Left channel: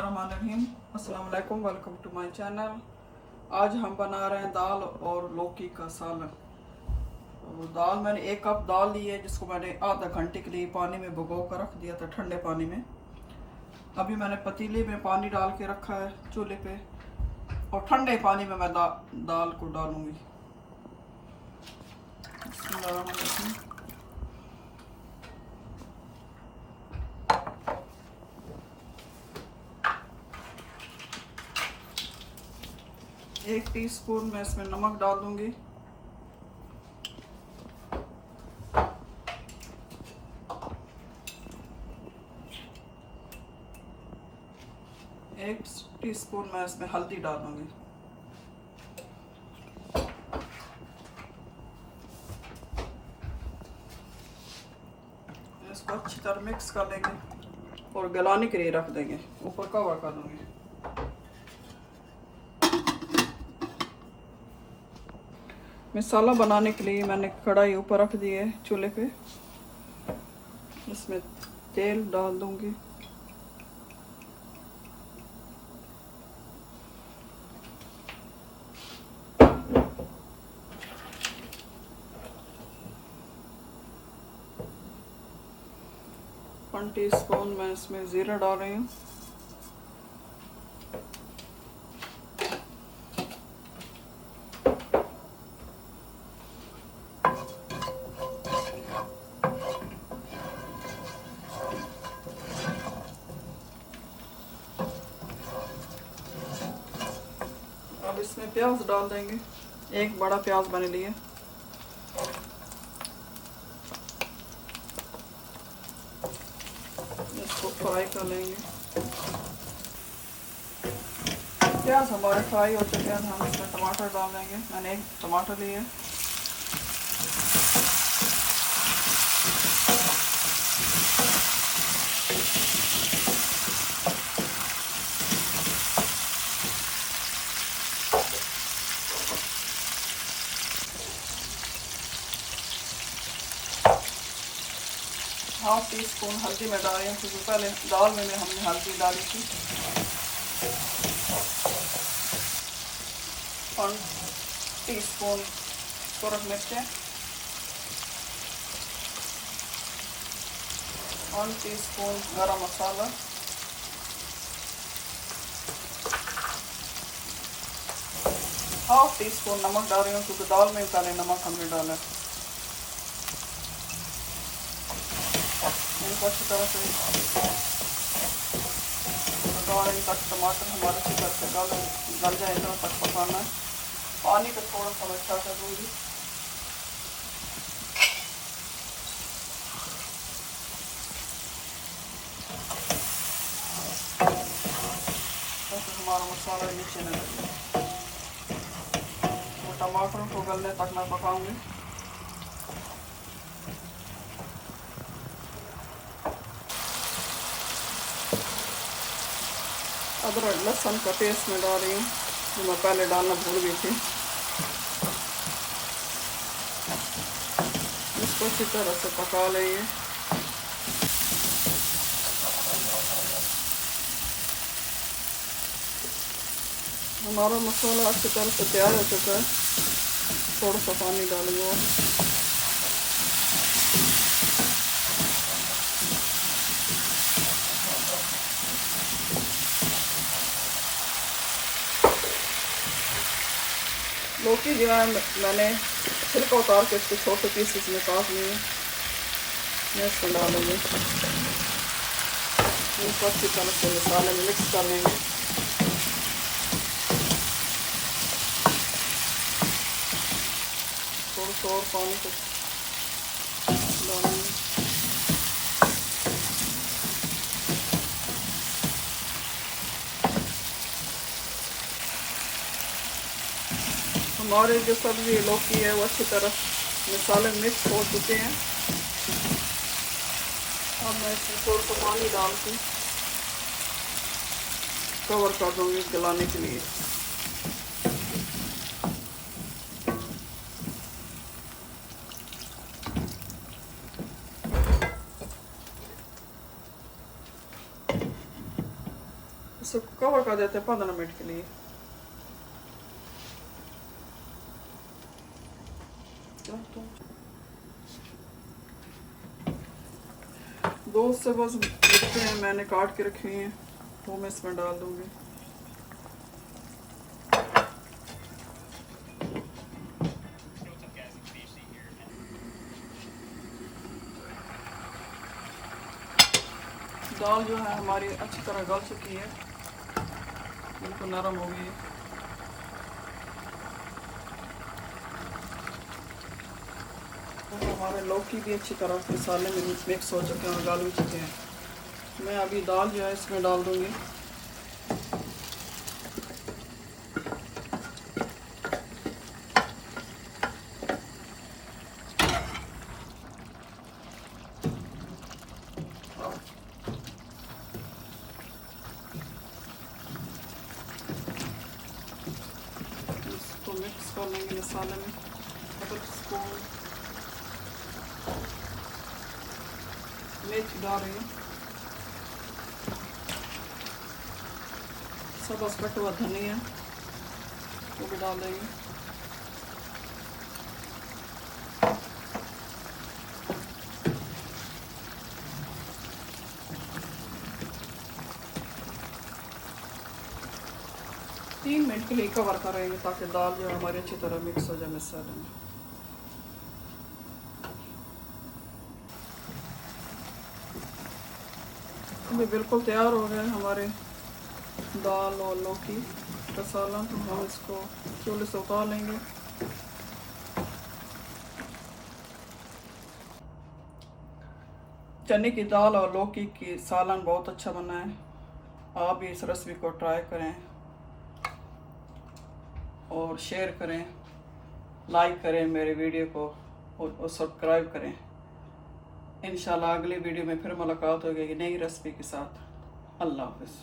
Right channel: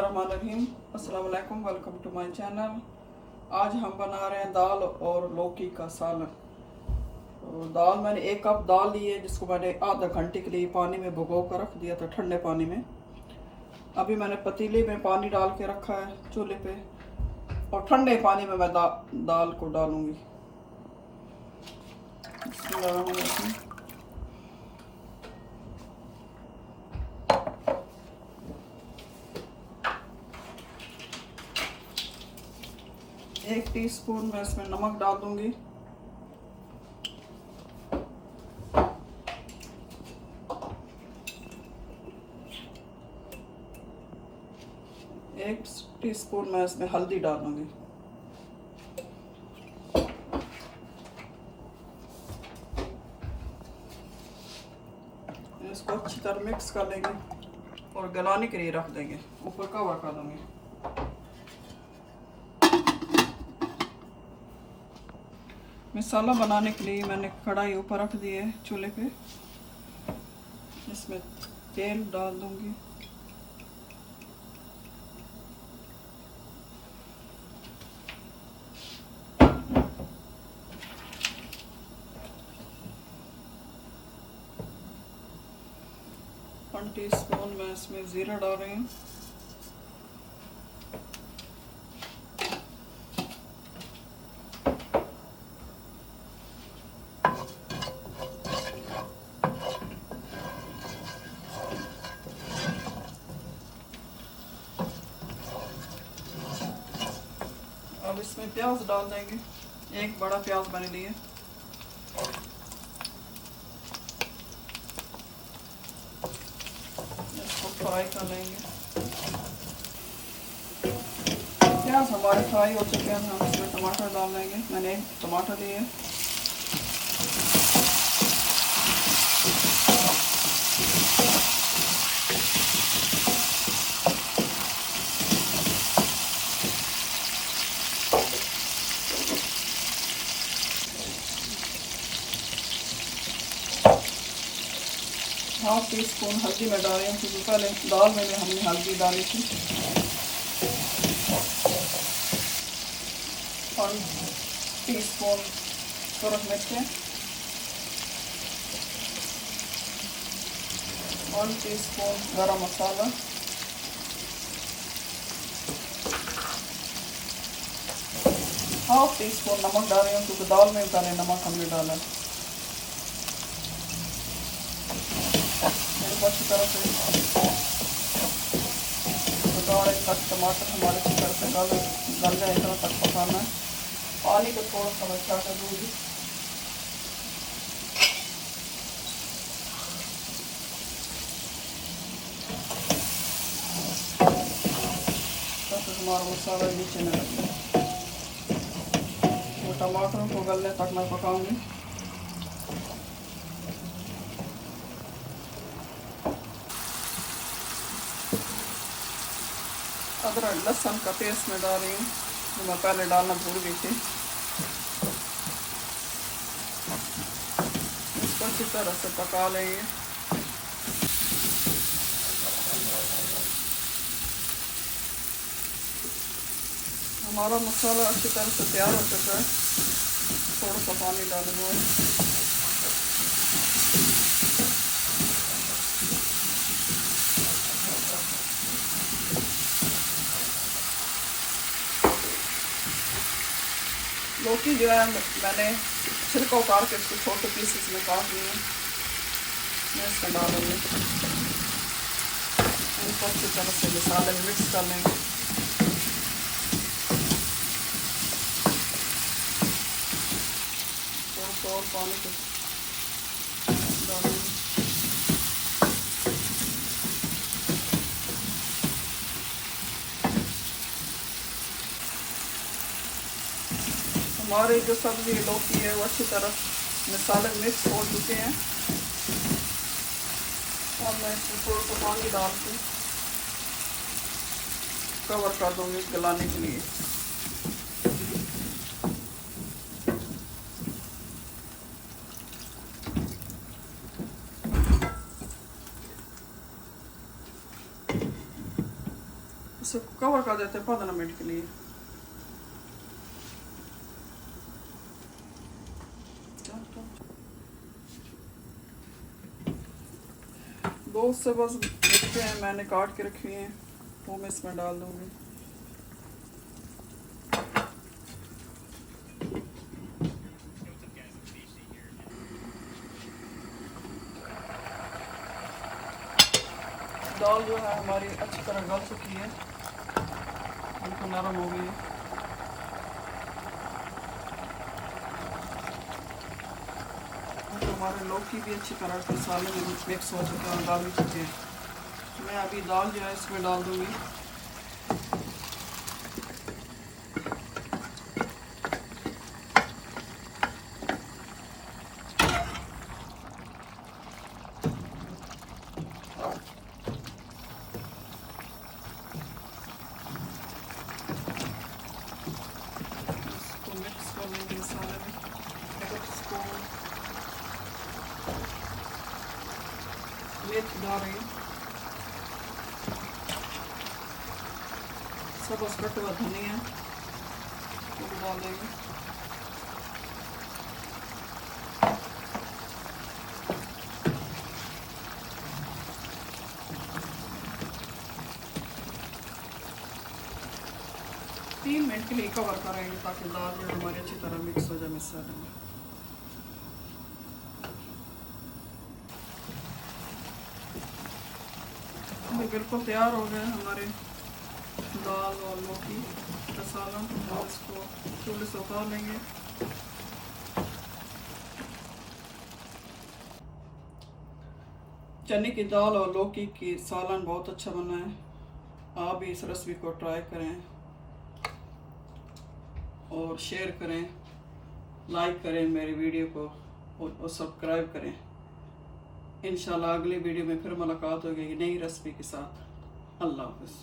बिस्मिल्लाहिर्रहमानिर्रहीम। अस्सलाम वालेकुम, वेलकम टू माय चैनल। आज हम बना रहे हैं दाल और लौकी का सालन। तो दाल मैंने 1 कप दाल ली है, जिसको मैंने आधा घंटे के लिए पानी में भिगो कर रख दिया था, ठंडे पानी में। अभी मैंने पतीले में पानी डाल के रखा है चूल्हे पे, और ठंडे पानी में मैं दाल को डालूंगी। बिस्मिल्लाहिर्रहमानिर्रहीम। एक टीस्पून मैं इसमें नमक डाल दूंगी। एक टीस्पून मैं इसमें हल्दी डाल दूंगी। इसको अच्छी तरह मिक्स कर लेंगे और गलाने के लिए रख देंगे, ऊपर कवर कर देंगे। मसाला बनाने के लिए मैंने कढ़ाई ऊपर रख दी है चूल्हे पे। इसमें तेल डाल दूंगी। वन टीस्पून मैं इसमें जीरा डाल रही हूँ। अब इसमें प्याज डाल देंगे, एक बड़ा प्याज मैंने लिए। इसको फ्राई कर लेंगे। प्याज हमारे फ्राई हो चुके हैं, हम इसमें टमाटर डाल देंगे। मैंने एक टमाटर लिए। हाफ टीस्पून हल्दी में डाल रही हूँ, क्योंकि पहले दाल में हमने हल्दी डाली थी। और टीस्पून सूरज मिर्चें, 1 टीस्पून गरम मसाला, हाफ टीस्पून नमक डाल रही हूँ, क्योंकि दाल में पहले नमक हमने डाला है। अच्छी तरह से पकाएं तक टमाटर हमारे अच्छी तरह से गल जाए, तक पकाना। पानी को थोड़ा सा मीठा कर दूँगी। तो हमारा मसाला नीचे में लग जाए। तो टमाटरों को गलने तक मैं पकाऊंगी। अदरक लहसुन का पेस्ट में डाल रही हूँ, जो मैं पहले डालना भूल गई थी। इसको अच्छी तरह से पका लेंगे। हमारा मसाला अच्छी तरह से तैयार हो चुका है। थोड़ा सा पानी डालूंगा। लौकी जो है मैंने छिलका उतार के उसको छोटे पीसेस में काट लिए। मैं इसमें डाल दूँगी। इसको अच्छी तरह से मसाले में मिक्स कर लेंगे। थोड़ा सा और पानी को डालेंगे। हमारे जो सब्जी लौकी है वो अच्छी तरह मसाले मिक्स हो चुके हैं। अब मैं इसमें थोड़ा सा पानी डाल के कवर कर दूंगी गलाने के लिए। इसको कवर कर देते हैं 15 मिनट के लिए। दो से बस देखते हैं, मैंने काट के रखे हैं वो मैं इसमें डाल दूंगी। दाल जो है हमारी अच्छी तरह गल चुकी है, बिल्कुल नरम हो गई। हमारे लौकी भी अच्छी तरह से मसाले में मिक्स हो चुके हैं, डाल भी चुके हैं। मैं अभी दाल जो है इसमें डाल दूंगी। 1 मसाले में 1 स्पून मिर्च डाल रही हूँ, सब कटा हुआ धनिया वो भी डाल देंगे। तीन मिनट के लिए कवर करेंगे ताकि दाल जो हमारी अच्छी तरह मिक्स हो जाए मसाले में। ये बिल्कुल तैयार हो गए हमारे दाल और लौकी मसाला। दाल को चूल्हे से उतार लेंगे। चने की दाल और लौकी की सालन बहुत अच्छा बना है। आप भी इस रेसिपी को ट्राई करें और शेयर करें, लाइक करें मेरे वीडियो को और सब्सक्राइब करें। इंशाल्लाह अगली वीडियो में फिर मुलाकात होगी नई रेसिपी के साथ। अल्लाह हाफ़िज़।